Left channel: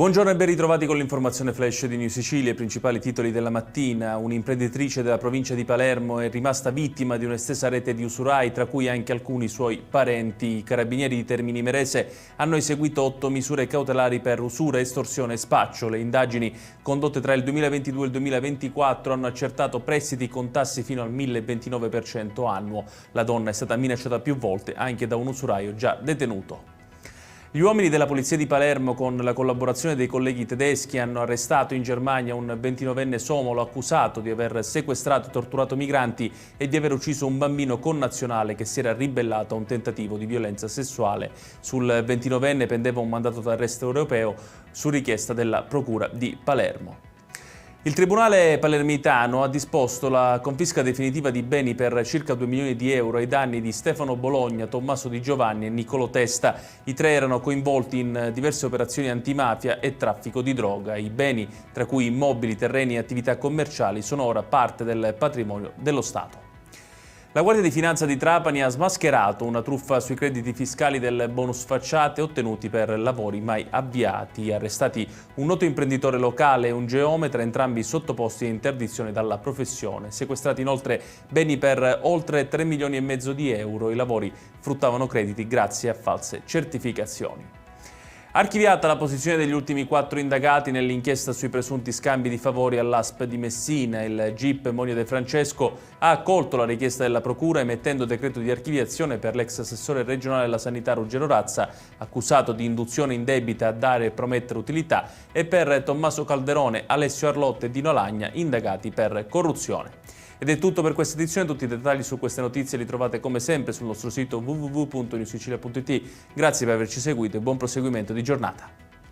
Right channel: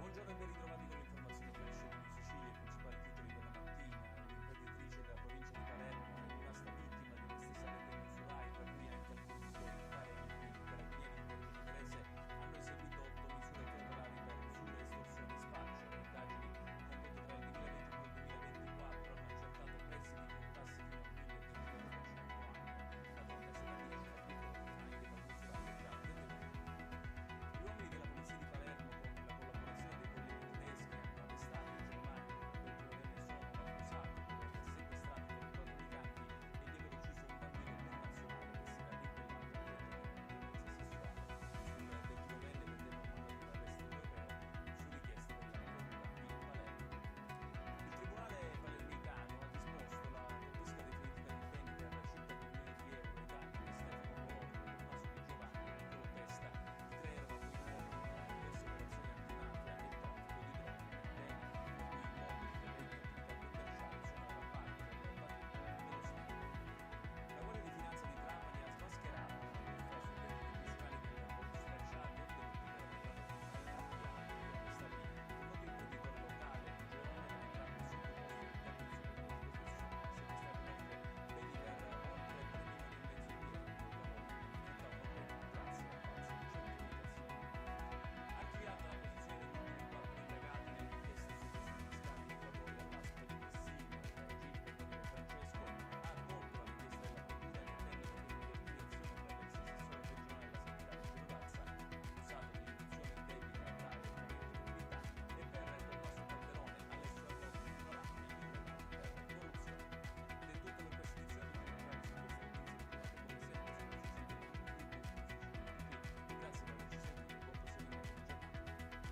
Buongiorno e ben ritrovati con l'informazione flash di New Sicilia. I principali titoli della mattina. Un'imprenditrice della provincia di Palermo è rimasta vittima di un'estesa rete di usurai, tra cui anche alcuni suoi parenti. I carabinieri di Termini Imerese hanno eseguito 8 misure cautelari per usura, estorsione e spaccio. Le indagini condotte tra il 2022 e il 2024 hanno accertato prestiti con tassi fino al 1029% annuo. La donna è stata minacciata più volte anche da un usuraio già detenuto. Gli uomini della Polizia di Palermo, con la collaborazione dei colleghi tedeschi, hanno arrestato in Germania un 29enne somalo accusato di aver sequestrato e torturato migranti e di aver ucciso un bambino connazionale che si era ribellato a un tentativo di violenza sessuale. Sul 29enne pendeva un mandato d'arresto europeo su richiesta della Procura di Palermo. Il Tribunale palermitano ha disposto la confisca definitiva di beni per circa 2 milioni di euro ai danni di Stefano Bologna, Tommaso Di Giovanni e Niccolò Testa. I tre erano coinvolti in diverse operazioni antimafia e traffico di droga. I beni, tra cui immobili, terreni e attività commerciali, sono ora parte del patrimonio dello Stato. La Guardia di Finanza di Trapani ha smascherato una truffa sui crediti fiscali del bonus facciate ottenuti per lavori mai avviati. Arrestati un noto imprenditore locale e un geometra, entrambi sottoposti a interdizione dalla professione. Sequestrati inoltre beni per oltre 3 milioni e mezzo di euro. I lavori fruttavano crediti grazie a false certificazioni. Archiviata la posizione degli ultimi 4 indagati nell'inchiesta sui presunti scambi di favori all'ASP di Messina, il GIP Monio De Francesco ha accolto la richiesta della Procura emettendo decreto di archiviazione per l'ex assessore regionale della sanità Ruggero Razza, accusato di induzione indebita a dare e promettere utilità, e per Tommaso Calderone, Alessio Arlotte e Dino Lagna, indagati per corruzione. Ed è tutto per questa edizione. Tutti i dettagli su queste notizie li trovate come sempre sul nostro sito www.newsicilia.it. Grazie per averci seguito e buon proseguimento di giornata.